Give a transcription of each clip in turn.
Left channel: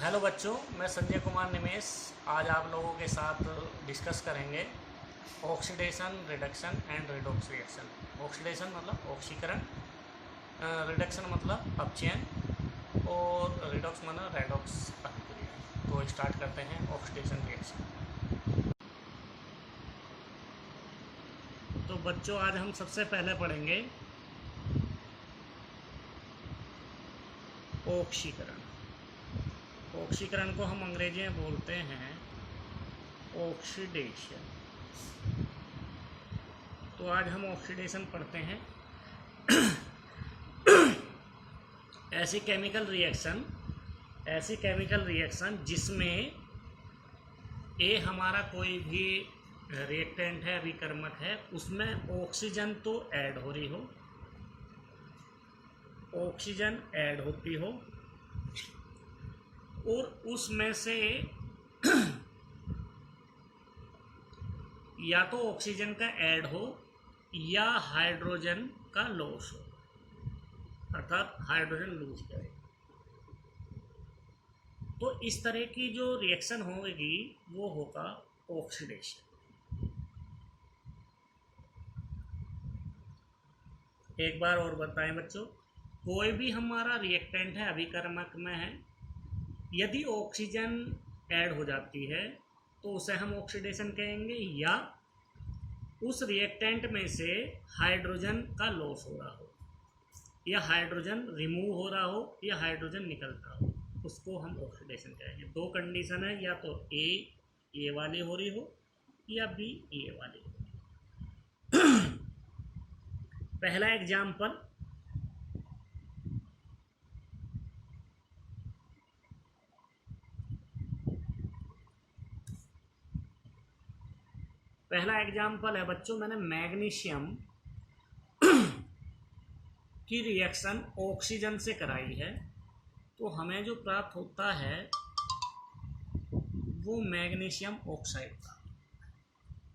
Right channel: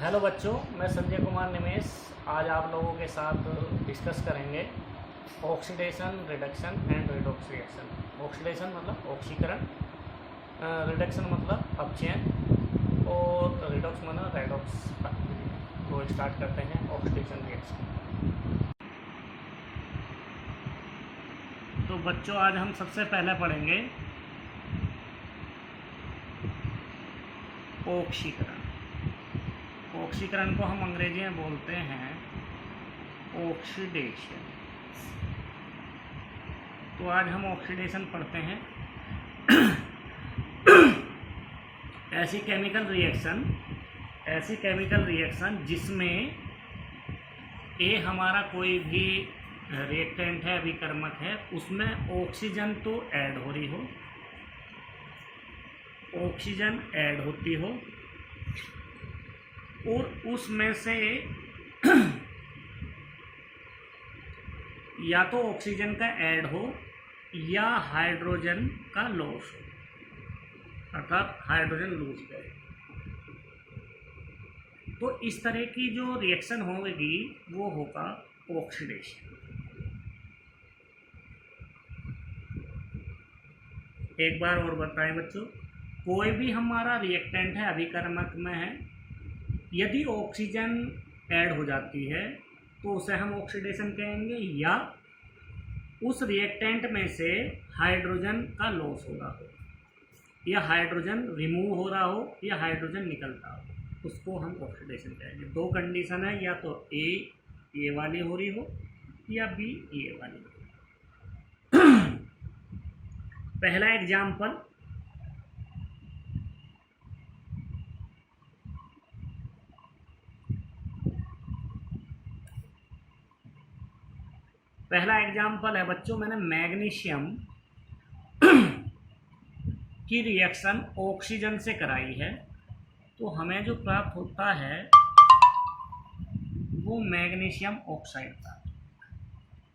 Hello बच्चों, मैं संजय कुमार निमेश आज आप लोगों के साथ डिस्कस करेंगे oxidation, reduction and redox reaction. Oxidation मतलब ऑक्सीकरण, रिडक्शन मतलब अपचयन और रिडॉक्स मतलब रेडॉक्स प्रतिक्रिया। तो स्टार्ट करते हैं ऑक्सीडेशन रिएक्शन। तो बच्चों आज हम सबसे पहले पढ़ेंगे ऑक्सीकरण। ऑक्सीकरण को हम अंग्रेजी में बोलते हैं ऑक्सीडेशन। तो आज हम ऑक्सीडेशन पढ़ते हैं। ऐसी केमिकल रिएक्शन जिसमें ए हमारा कोई भी रिएक्टेंट है, अभिकर्मक है, उसमें ऑक्सीजन तो ऐड हो रही हो, ऑक्सीजन ऐड होती हो और उसमें से या तो ऑक्सीजन का ऐड हो या हाइड्रोजन का लॉस हो, अर्थात हाइड्रोजन लूज करे। तो इस तरह की जो रिएक्शन होगी वो होगा ऑक्सीडेशन। एक बार और बताएं बच्चों, कोई भी हमारा रिएक्टेंट है, अभिकर्मक में है, यदि ऑक्सीजन ऐड हो जाती है तो उसे हम ऑक्सीडेशन कहेंगे, या उस रिएक्टेंट में से हाइड्रोजन का लॉस हो रहा हो, या हाइड्रोजन रिमूव हो रहा हो, या हाइड्रोजन निकलता हो, उसको हम ऑक्सीडेशन कहेंगे। दो कंडीशन है, या तो ए वाली हो रही हो या बी ए वाली हो रही हो। पहला एग्जाम्पल, है बच्चों, मैंने मैग्नीशियम की रिएक्शन ऑक्सीजन से कराई है, तो हमें जो प्राप्त होता है वो मैग्नीशियम ऑक्साइड प्राप्त होता है।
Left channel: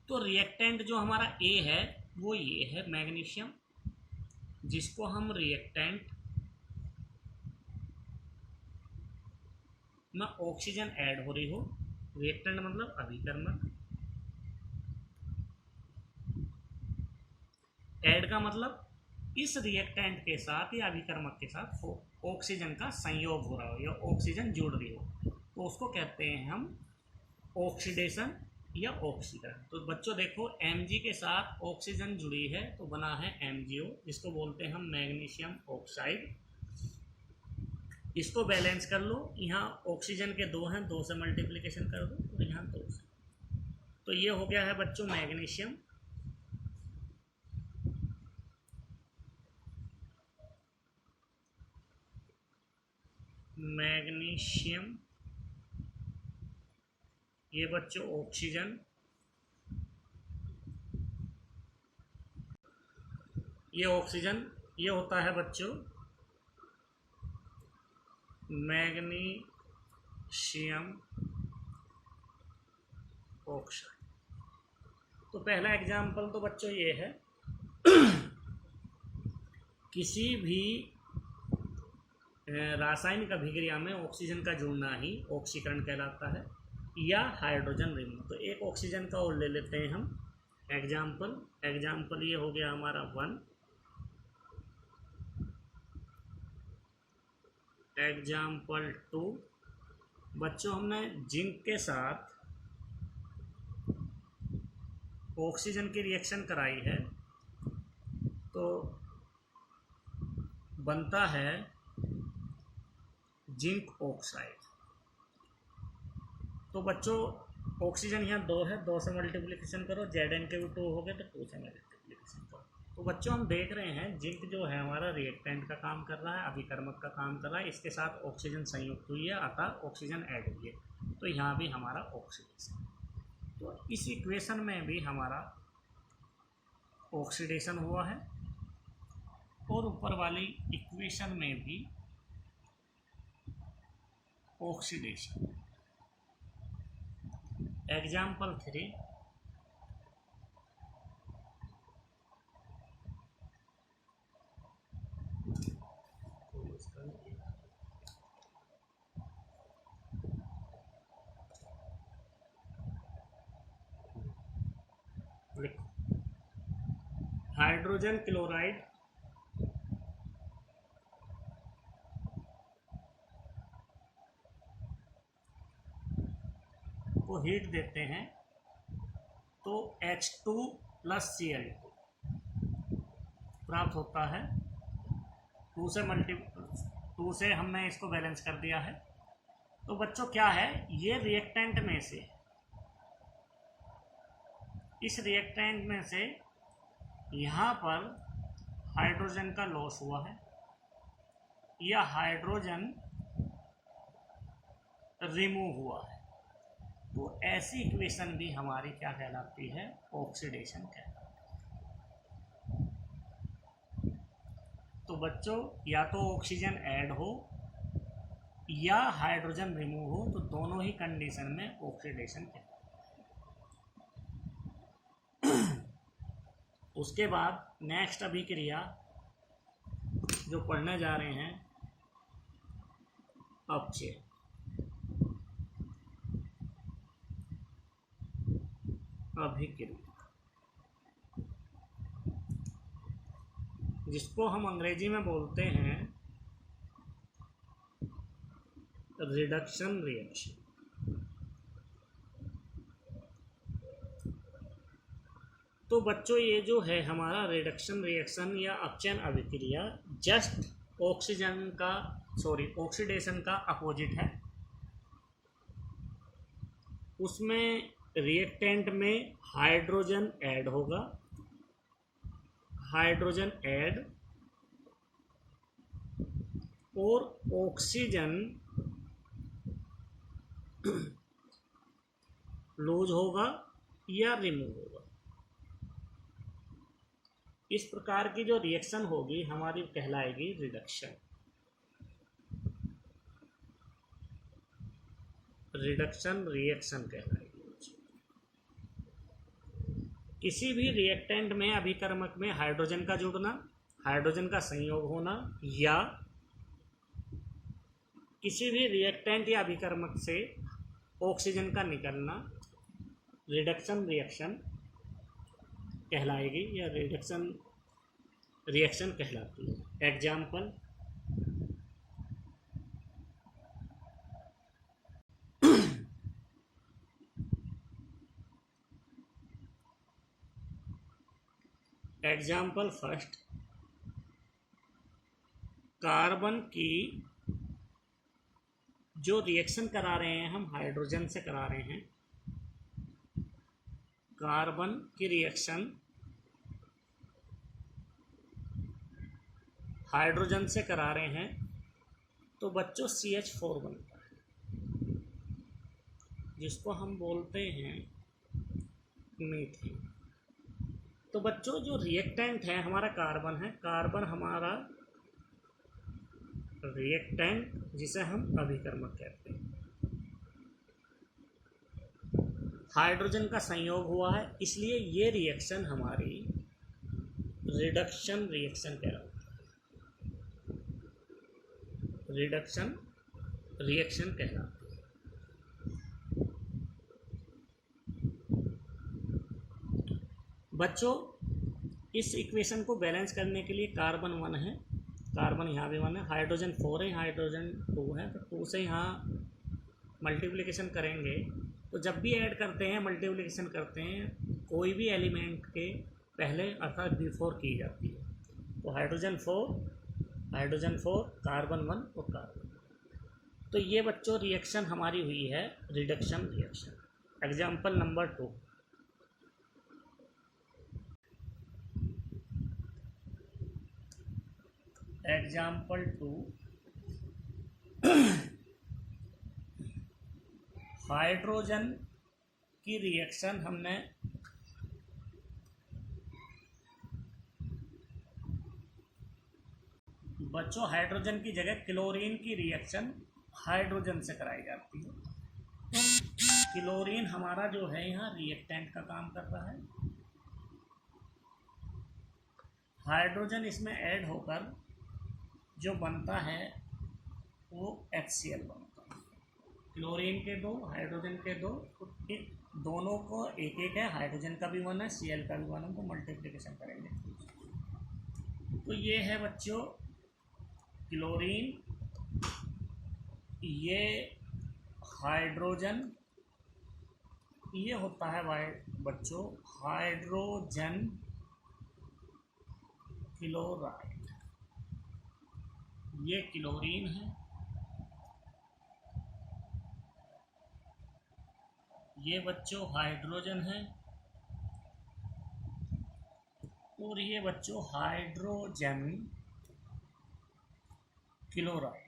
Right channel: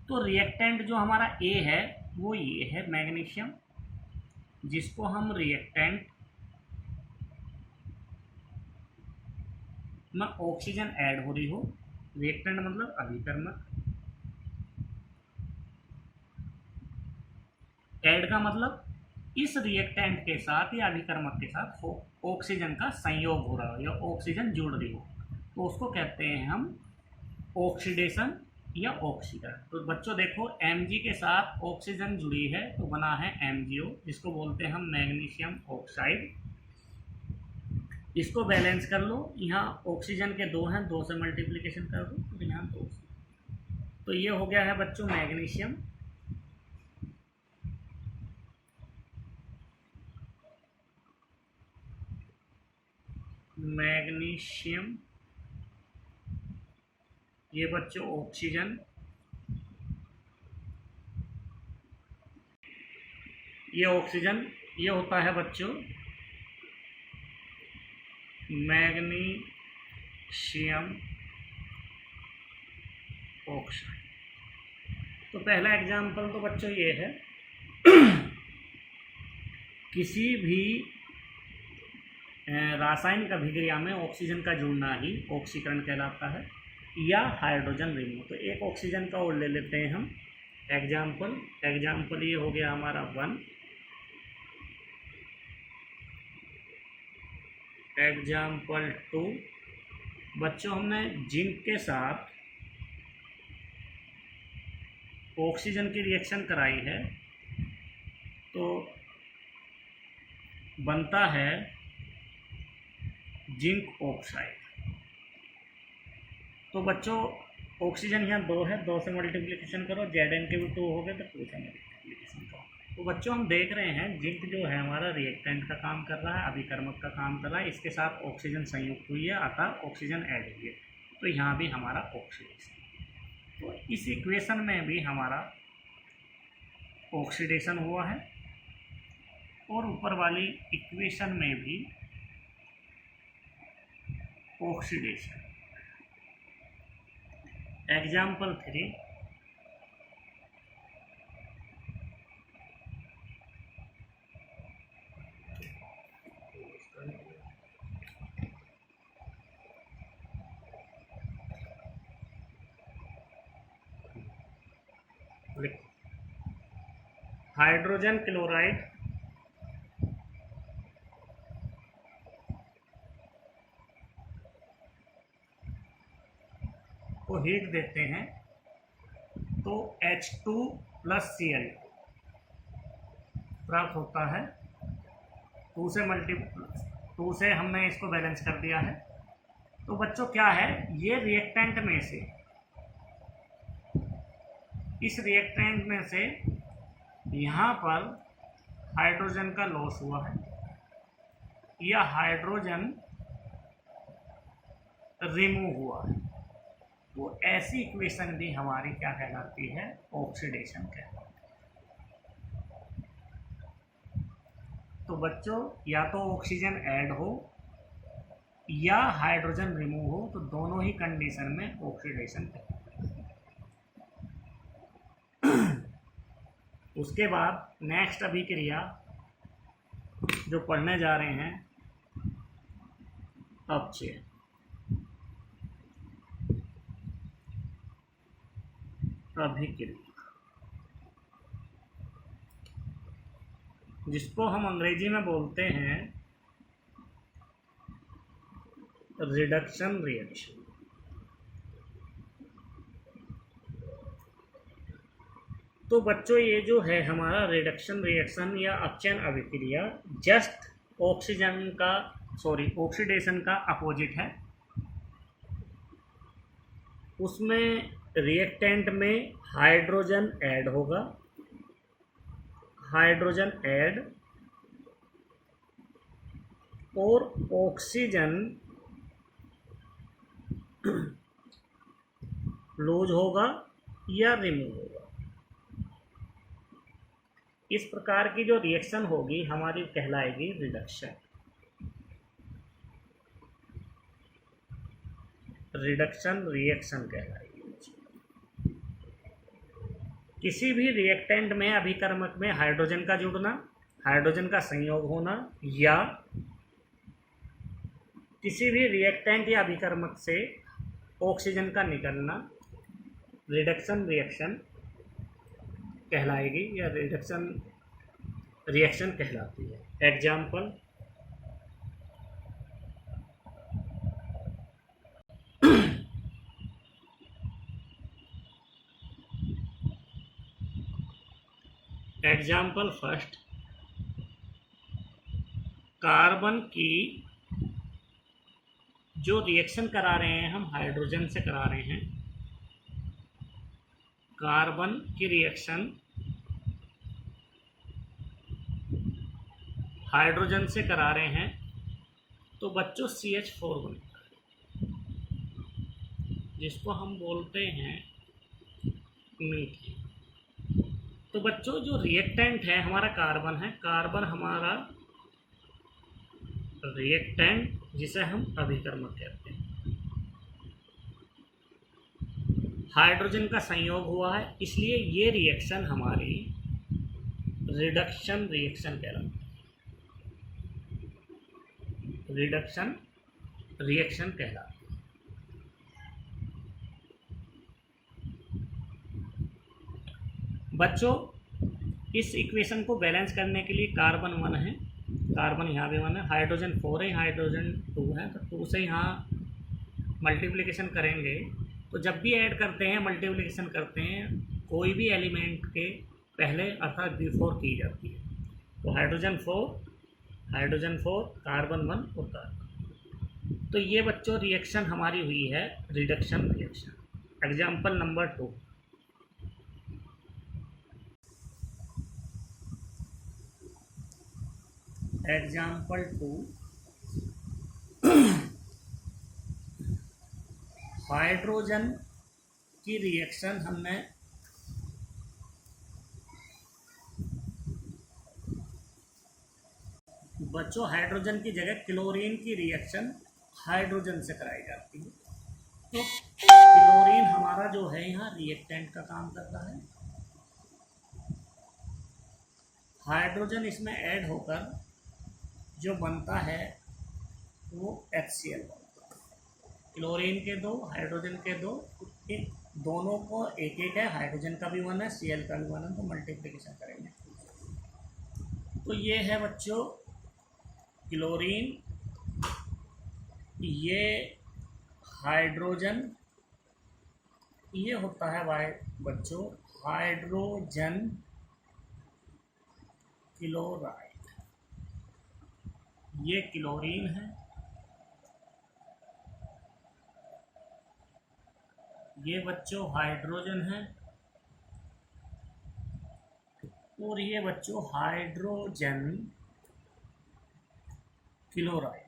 तो रिएक्टेंट जो हमारा ए है वो ये है मैग्नीशियम, जिसको हम रिएक्टेंट में ऑक्सीजन ऐड हो रही हो, रिएक्टेंट मतलब अभिकर्मक, ऐड का मतलब इस रिएक्टेंट के साथ या अभिकर्मक के साथ ऑक्सीजन का संयोग हो रहा हो या ऑक्सीजन जुड़ रही हो, तो उसको कहते हैं हम ऑक्सीडेशन या ऑक्सीकरण। तो बच्चों देखो, Mg के साथ ऑक्सीजन जुड़ी है तो बना है MgO, जिसको बोलते हैं हम मैग्नीशियम ऑक्साइड। इसको बैलेंस कर लो, यहाँ ऑक्सीजन के दो हैं, दो से मल्टीप्लिकेशन कर दो तो यहाँ दो से, तो ये हो गया है बच्चों मैग्नीशियम। मैग्नीशियम ये बच्चों ऑक्सीजन, ये ऑक्सीजन, ये होता है बच्चों मैग्नीशियम ऑक्साइड। तो पहला एग्जाम्पल तो बच्चों ये है, किसी भी रासायनिक अभिक्रिया में ऑक्सीजन का जुड़ना ही ऑक्सीकरण कहलाता है, या हाइड्रोजन रिमूव। तो एक ऑक्सीजन का और ले लेते हैं हम एग्जाम्पल ये हो गया हमारा 1। एग्जाम्पल 2, बच्चों हमने जिंक के साथ ऑक्सीजन की रिएक्शन कराई है तो बनता है जिंक ऑक्साइड। तो बच्चों ऑक्सीजन यहाँ दो है, दो से मल्टीप्लिकेशन करो, Zn के भी 2 हो गए तो 2 से मल्टीप्लिकेशन करो। तो बच्चों हम देख रहे हैं जिंक जो है हमारा रिएक्टेंट का काम कर रहा है, अभिकर्मक का काम कर रहा है, इसके साथ ऑक्सीजन संयुक्त हुई है, अतः ऑक्सीजन ऐड हुई है, तो यहाँ भी हमारा ऑक्सीडेशन। तो इस इक्वेशन में भी हमारा ऑक्सीडेशन हुआ है और ऊपर वाली इक्वेशन में भी ऑक्सीडेशन। एग्जाम्पल 3, हाइड्रोजन क्लोराइड को हीट देते हैं तो H2+Cl प्राप्त होता है। 2 से हमने इसको बैलेंस कर दिया है। तो बच्चों क्या है, ये रिएक्टेंट में से, इस रिएक्टेंट में से यहाँ पर हाइड्रोजन का लॉस हुआ है या हाइड्रोजन रिमूव हुआ है, तो ऐसी इक्वेशन भी हमारी क्या कहलाती है, ऑक्सीडेशन कहलाती है। तो बच्चों या तो ऑक्सीजन ऐड हो या हाइड्रोजन रिमूव हो, तो दोनों ही कंडीशन में ऑक्सीडेशन कहलाती है। उसके बाद नेक्स्ट अभिक्रिया जो पढ़ने जा रहे हैं, अपचय। अभिक्रिया जिसको हम अंग्रेजी में बोलते हैं रिडक्शन रिएक्शन। तो बच्चों ये जो है हमारा रिडक्शन रिएक्शन या अपचयन अभिक्रिया जस्ट ऑक्सीडेशन का अपोजिट है। उसमें रिएक्टेंट में हाइड्रोजन ऐड होगा, हाइड्रोजन ऐड और ऑक्सीजन लूज होगा या रिमूव होगा। इस प्रकार की जो रिएक्शन होगी हमारी कहलाएगी रिडक्शन। रिडक्शन रिएक्शन कहलाएगी। किसी भी रिएक्टेंट में अभिकर्मक में हाइड्रोजन का जुड़ना, हाइड्रोजन का संयोग होना या किसी भी रिएक्टेंट या अभिकर्मक से ऑक्सीजन का निकलना रिडक्शन रिएक्शन कहलाएगी या रिडक्शन रिएक्शन कहलाती है। एग्जाम्पल एग्जाम्पल फर्स्ट, कार्बन की जो रिएक्शन करा रहे हैं हम हाइड्रोजन से करा रहे हैं, कार्बन की रिएक्शन हाइड्रोजन से करा रहे हैं, तो बच्चों CH4 बनता है जिसको हम बोलते हैं मीथेन। तो बच्चों जो रिएक्टेंट है हमारा कार्बन है, कार्बन हमारा रिएक्टेंट जिसे हम अभिकर्मक कहते हैं। हाइड्रोजन का संयोग हुआ है, इसलिए ये रिएक्शन हमारी रिडक्शन रिएक्शन कहलाती है। रिडक्शन रिएक्शन कहलाती है। बच्चों इस इक्वेशन को बैलेंस करने के लिए कार्बन 1 है, कार्बन यहाँ भी 1 है, हाइड्रोजन 4 है, हाइड्रोजन 2 है, तो 2 से यहाँ मल्टीप्लिकेशन करेंगे तो जब भी ऐड करते हैं मल्टीप्लिकेशन करते हैं कोई भी एलिमेंट के पहले अर्थात बिफोर की जाती है। तो हाइड्रोजन 4 कार्बन 1 और कार्बन। तो ये बच्चों रिएक्शन हमारी हुई है reduction reaction. Example number 2, example 2, hydrogen की रिएक्शन हमने बच्चों हाइड्रोजन की जगह क्लोरीन की रिएक्शन हाइड्रोजन से कराई जाती है। तो क्लोरीन हमारा जो है यहाँ रिएक्टेंट का काम करता है, हाइड्रोजन इसमें ऐड होकर जो बनता है वो HCl बनता है। क्लोरीन के 2 हाइड्रोजन के 2, दोनों को एक एक है, हाइड्रोजन का भी 1 है, Cl का भी 1 है, तो मल्टीप्लिकेशन करेंगे। तो ये है बच्चों क्लोरीन, ये हाइड्रोजन, ये होता है बच्चों हाइड्रोजन क्लोराइड, ये क्लोरीन है, ये बच्चों हाइड्रोजन है, और ये बच्चों हाइड्रोजन क्लोराइड।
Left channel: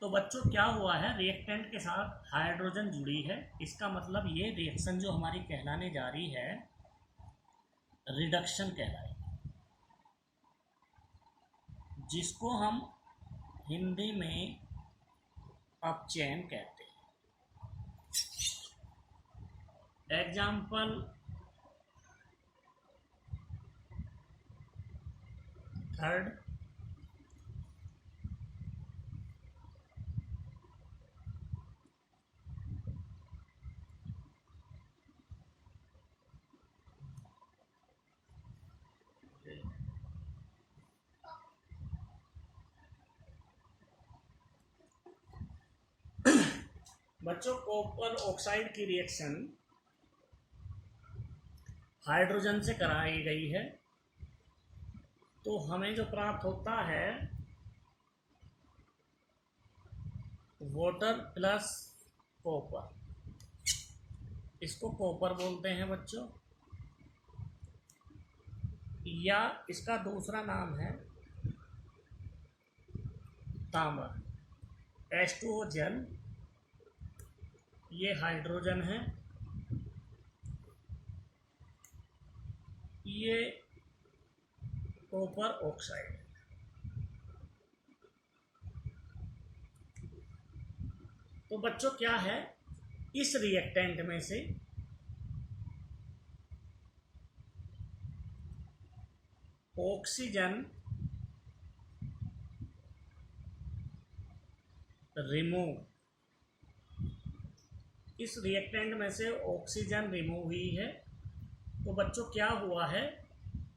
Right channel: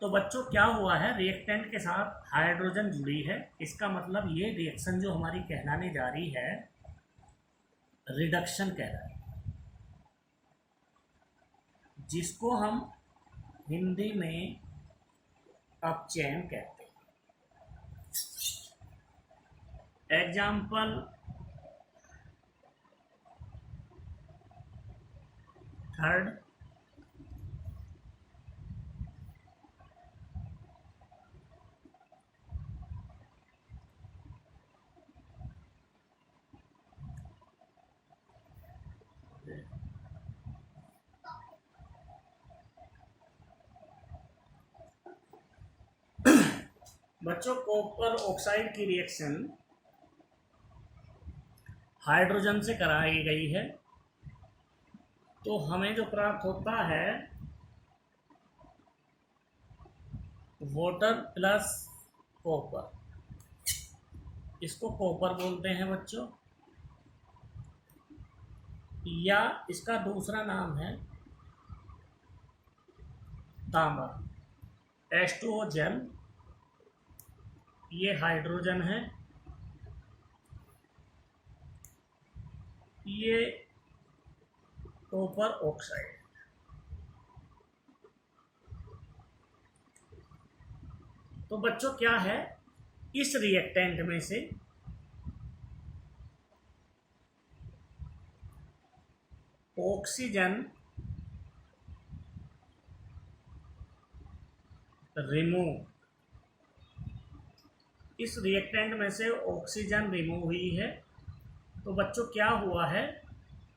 तो बच्चों क्या हुआ है, रिएक्टेंट के साथ हाइड्रोजन जुड़ी है, इसका मतलब ये रिएक्शन जो हमारी कहलाने जा रही है रिडक्शन कहलाएगी, जिसको हम हिंदी में अपचयन कहते हैं। एग्जाम्पल थर्ड, बच्चों कॉपर ऑक्साइड की रिएक्शन हाइड्रोजन से कराई गई है, तो हमें जो प्राप्त होता है वाटर प्लस कॉपर, इसको कॉपर बोलते हैं बच्चों, या इसका दूसरा नाम है तांबा, H2O जल, ये हाइड्रोजन है, ये कॉपर ऑक्साइड। तो बच्चों क्या है, इस रिएक्टेंट में से ऑक्सीजन रिमूव, इस रिएक्टेंट में से ऑक्सीजन रिमूव हुई है, तो बच्चों क्या हुआ है,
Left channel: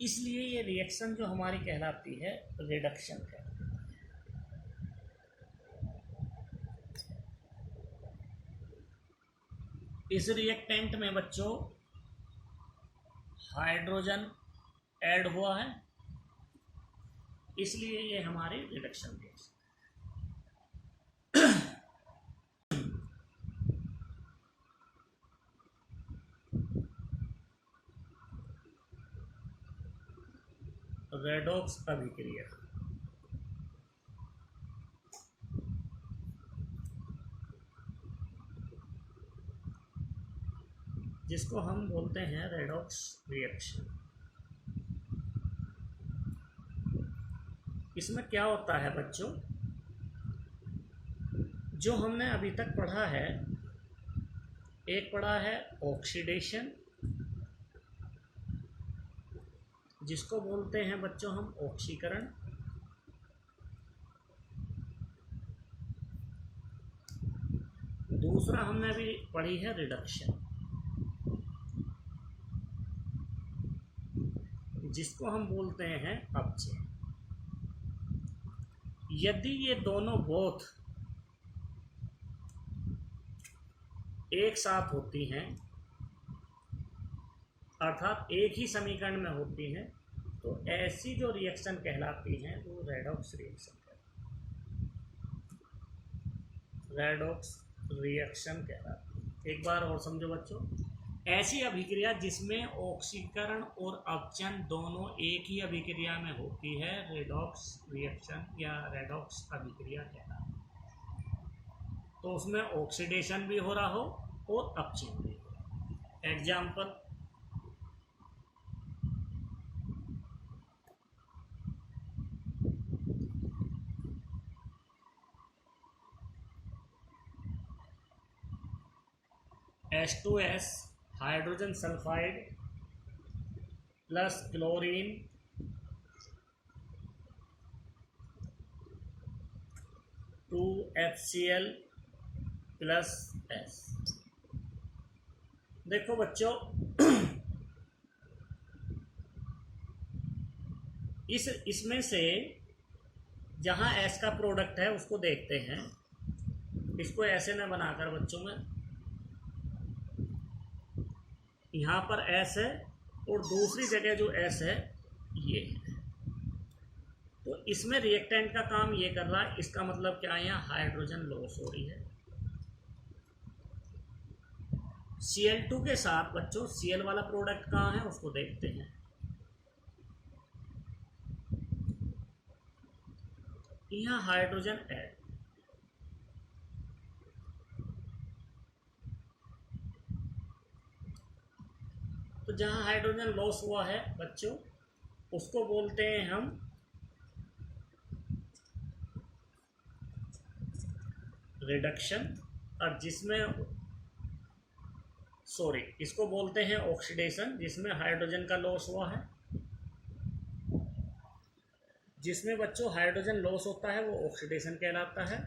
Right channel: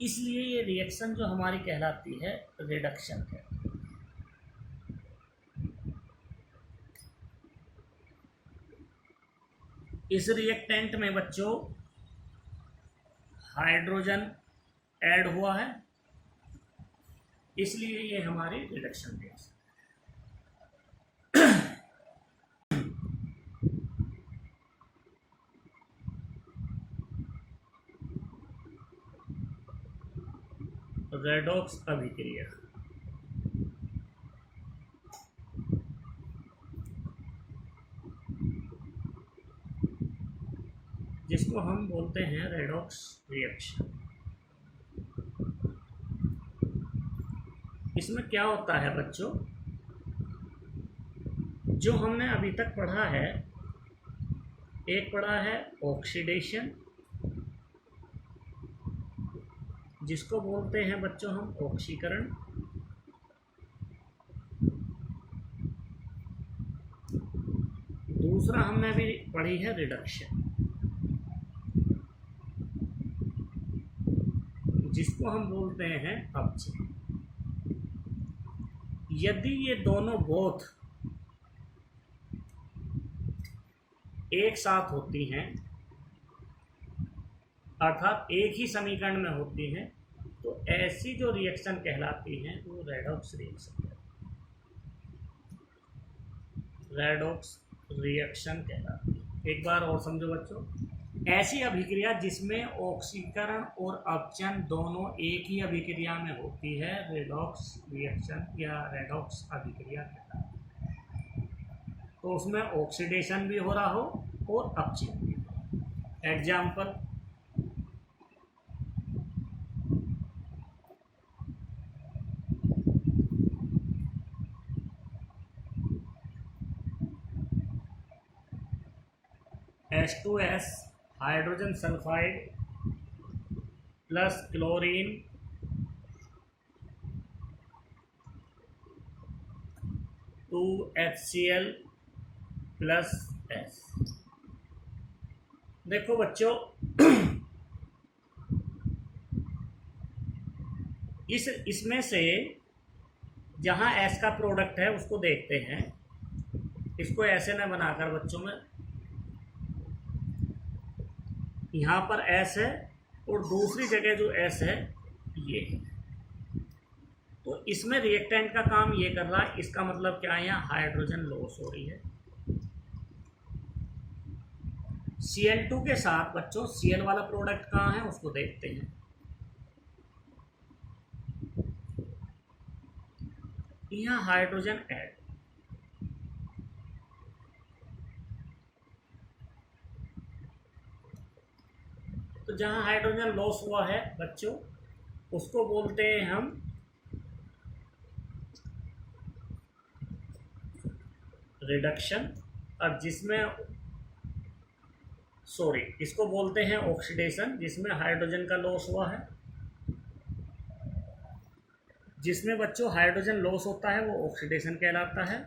इसलिए ये रिएक्शन जो हमारी कहलाती है रिडक्शन है। इस रिएक्टेंट में बच्चों हाइड्रोजन ऐड हुआ है, इसलिए ये हमारी रिडक्शन रिएक्शन। रेडॉक्स अभिक्रिया, जिसको हम बोलते हैं रेडॉक्स रिएक्शन। इसमें क्या होता है बच्चों, जो हमने अभी तक पढ़ा है, एक पढ़ा है ऑक्सीडेशन, जिसको बोलते हैं बच्चों हम ऑक्सीकरण, दूसरा हमने भी पढ़ी है रिडक्शन, जिसको हम बोलते हैं अपचयन। यदि ये दोनों बोथ एक साथ होती हैं, अर्थात एक ही समीकरण में होती हैं, तो ऐसी जो रिएक्शन कहलाती हैं वो रेडॉक्स रिएक्शन कहलाती है। एक बार और समझो बच्चों, ऐसी अभिक्रिया जिसमें ऑक्सीकरण और अपचयन दोनों एक ही अभिक्रिया में होती है रेडॉक्स रिएक्शन या रेडॉक्स अभिक्रिया कहलाती है। तो उसमें ऑक्सीडेशन भी हो रहा हो और अपचयन भी हो। Example H2S hydrogen sulphide plus chlorine two HCl plus S। देखो बच्चों इसमें से जहाँ S का प्रोडक्ट है उसको देखते हैं। इसको ऐसे न बनाकर बच्चों में, यहाँ पर S है और दूसरी जगह जो S है ये है, तो इसमें रिएक्टेंट का काम ये कर रहा है। इसका मतलब क्या है, यहाँ हाइड्रोजन लॉस हो रही है। Cl2 के साथ बच्चों Cl वाला प्रोडक्ट कहाँ है उसको देखते हैं। यहाँ हाइड्रोजन ऐड, तो जहाँ हाइड्रोजन लॉस हुआ है बच्चों उसको बोलते हैं हम रिडक्शन, और इसको बोलते हैं ऑक्सीडेशन, जिसमें हाइड्रोजन का लॉस हुआ है। जिसमें बच्चों हाइड्रोजन लॉस होता है वो ऑक्सीडेशन कहलाता है,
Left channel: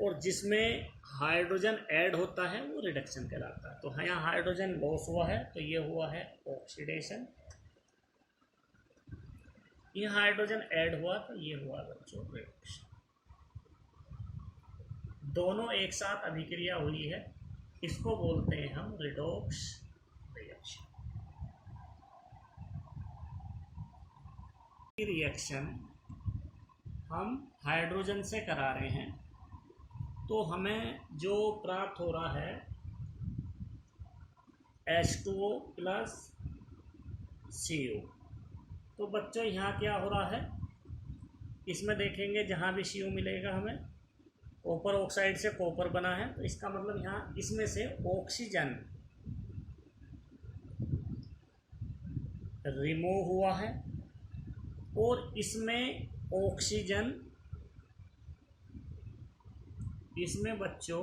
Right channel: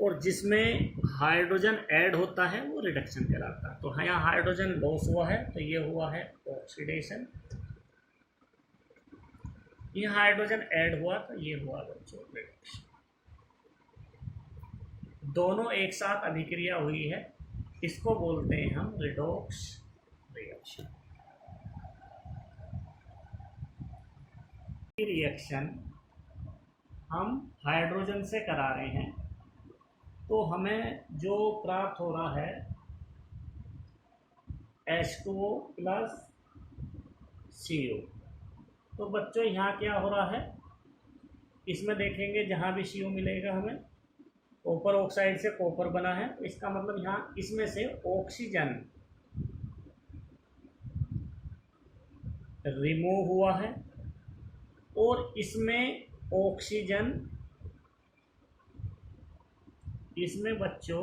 और जिसमें हाइड्रोजन ऐड होता है वो रिडक्शन कहलाता है। तो यहाँ हाइड्रोजन लॉस हुआ है तो ये हुआ है ऑक्सीडेशन, ये हाइड्रोजन ऐड हुआ तो ये हुआ बच्चों रिडक्शन। दोनों एक साथ अभिक्रिया हुई है, इसको बोलते हैं हम रिडॉक्स रिएक्शन। रिएक्शन हम हाइड्रोजन से करा रहे हैं तो हमें जो प्राप्त हो रहा है H2O प्लस CO। तो बच्चों यहाँ क्या हो रहा है, इसमें देखेंगे जहाँ भी CO मिलेगा हमें कॉपर ऑक्साइड से कॉपर बना है, तो इसका मतलब यहाँ इसमें से ऑक्सीजन रिमूव हुआ है और इसमें ऑक्सीजन, इसमें बच्चों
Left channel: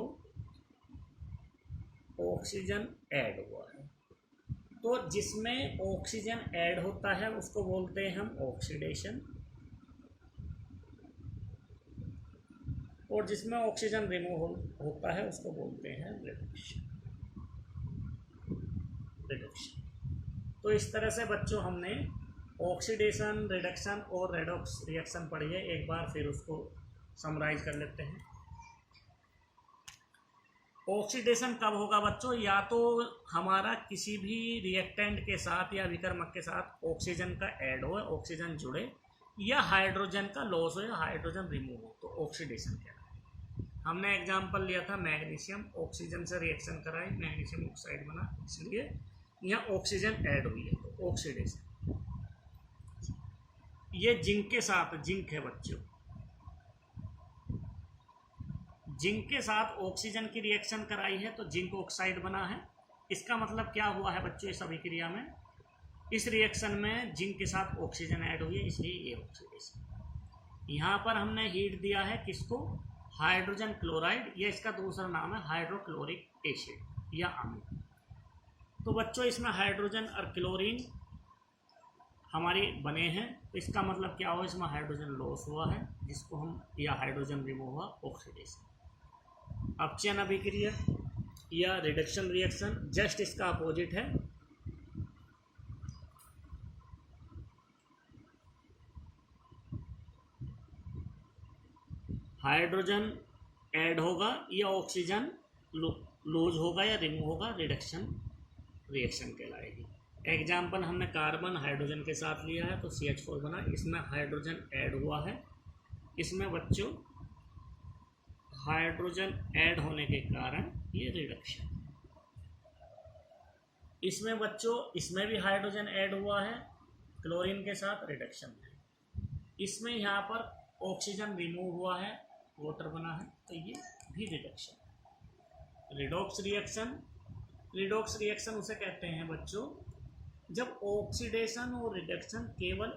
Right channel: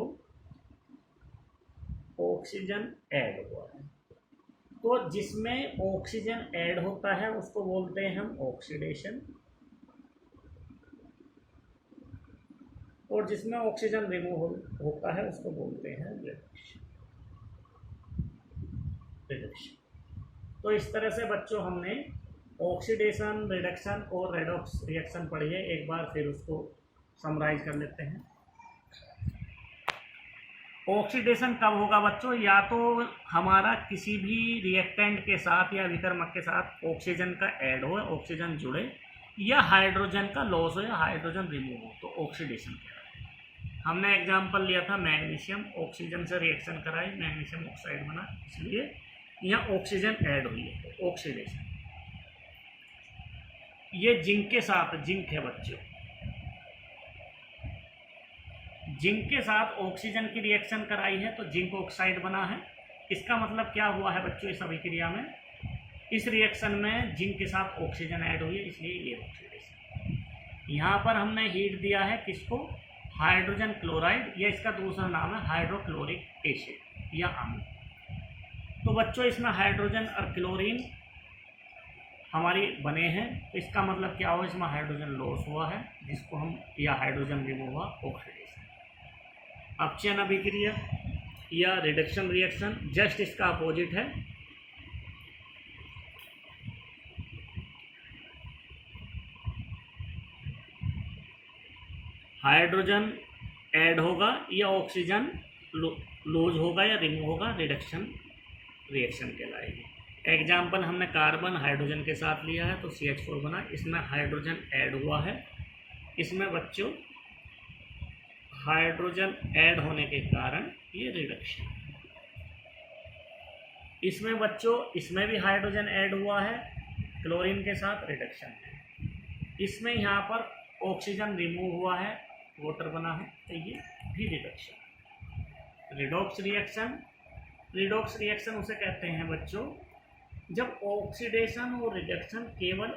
ऑक्सीजन ऐड हुआ है। तो जिसमें ऑक्सीजन ऐड होता है उसको बोलते हैं हम ऑक्सीडेशन, और जिसमें ऑक्सीजन रिमूव होता है उसको बोलते हैं रिडक्शन। तो इस तरह से बच्चों हमने ऑक्सीडेशन, रिडक्शन और रेडॉक्स रिएक्शन पढ़ी है। एक बार फिर उसको समराइज कर लेते हैं। ऑक्सीडेशन कब होगा बच्चों, या तो हमारा किसी भी रिएक्टेंट के साथ या विकर्मक के साथ ऑक्सीजन का ऐड हो, ऑक्सीजन जुड़े, या हाइड्रोजन का लॉस हो या हाइड्रोजन रिमूव हो, तो ऑक्सीडेशन कहलाता है। हमने एग्जांपल लिया था मैग्नीशियम, ऑक्सीजन से रिएक्शन कराई, मैग्नीशियम ऑक्साइड बना, इसलिए यहाँ ऑक्सीजन ऐड हुई है, तो ऑक्सीडेशन। ये जिंक के साथ, जिंक है बच्चों, जिंक के साथ ऑक्सीजन की रिएक्शन कराई है तो जिंक ऑक्साइड बना है। इसका मतलब क्या हुआ है बच्चों, इस अभिक्रिया में, इस रिएक्शन में जिंक के साथ ऑक्सीजन ऐड हुई है, इसलिए ये ऑक्सीडेशन। यहाँ पर हमने हीट दिया है किसको, हाइड्रोजन क्लोराइड, या इसका दूसरा नाम है हाइड्रोक्लोरिक एसिड या अम्ल। तो बच्चों इसमें हाइड्रोजन और क्लोरीन हमारी बने हैं, तो इसका मतलब क्या हुआ, इसमें हाइड्रोजन लॉस हुआ है जिसको हम, या हाइड्रोजन रिमूव हुआ, ऑक्सीडेशन। अपचयन अभिक्रिया या रिडक्शन रिएक्शन जस्ट इसका अपोजिट है। हाइड्रोजन ऐड होगा या ऑक्सीजन लूज होगा या रिमूव होगा, रिडक्शन रिएक्शन कहलाएगी। एग्जाम्पल हमने कार्बन हाइड्रोजन के साथ लिया है तो CH4 बना, इसमें हाइड्रोजन ऐड हुआ है। इसमें बच्चों हाइड्रोजन ऐड होने के कारण ये रिडक्शन। इसमें बच्चों, इसमें भी हाइड्रोजन ऐड हुआ है क्लोरीन के साथ, रिडक्शन है। इसमें यहाँ पर ऑक्सीजन रिमूव हुआ है, वाटर बना है, तो ये भी reduction. Redox reaction, redox reaction उसे कहते हैं बच्चों जब ऑक्सीडेशन और रिडक्शन केवल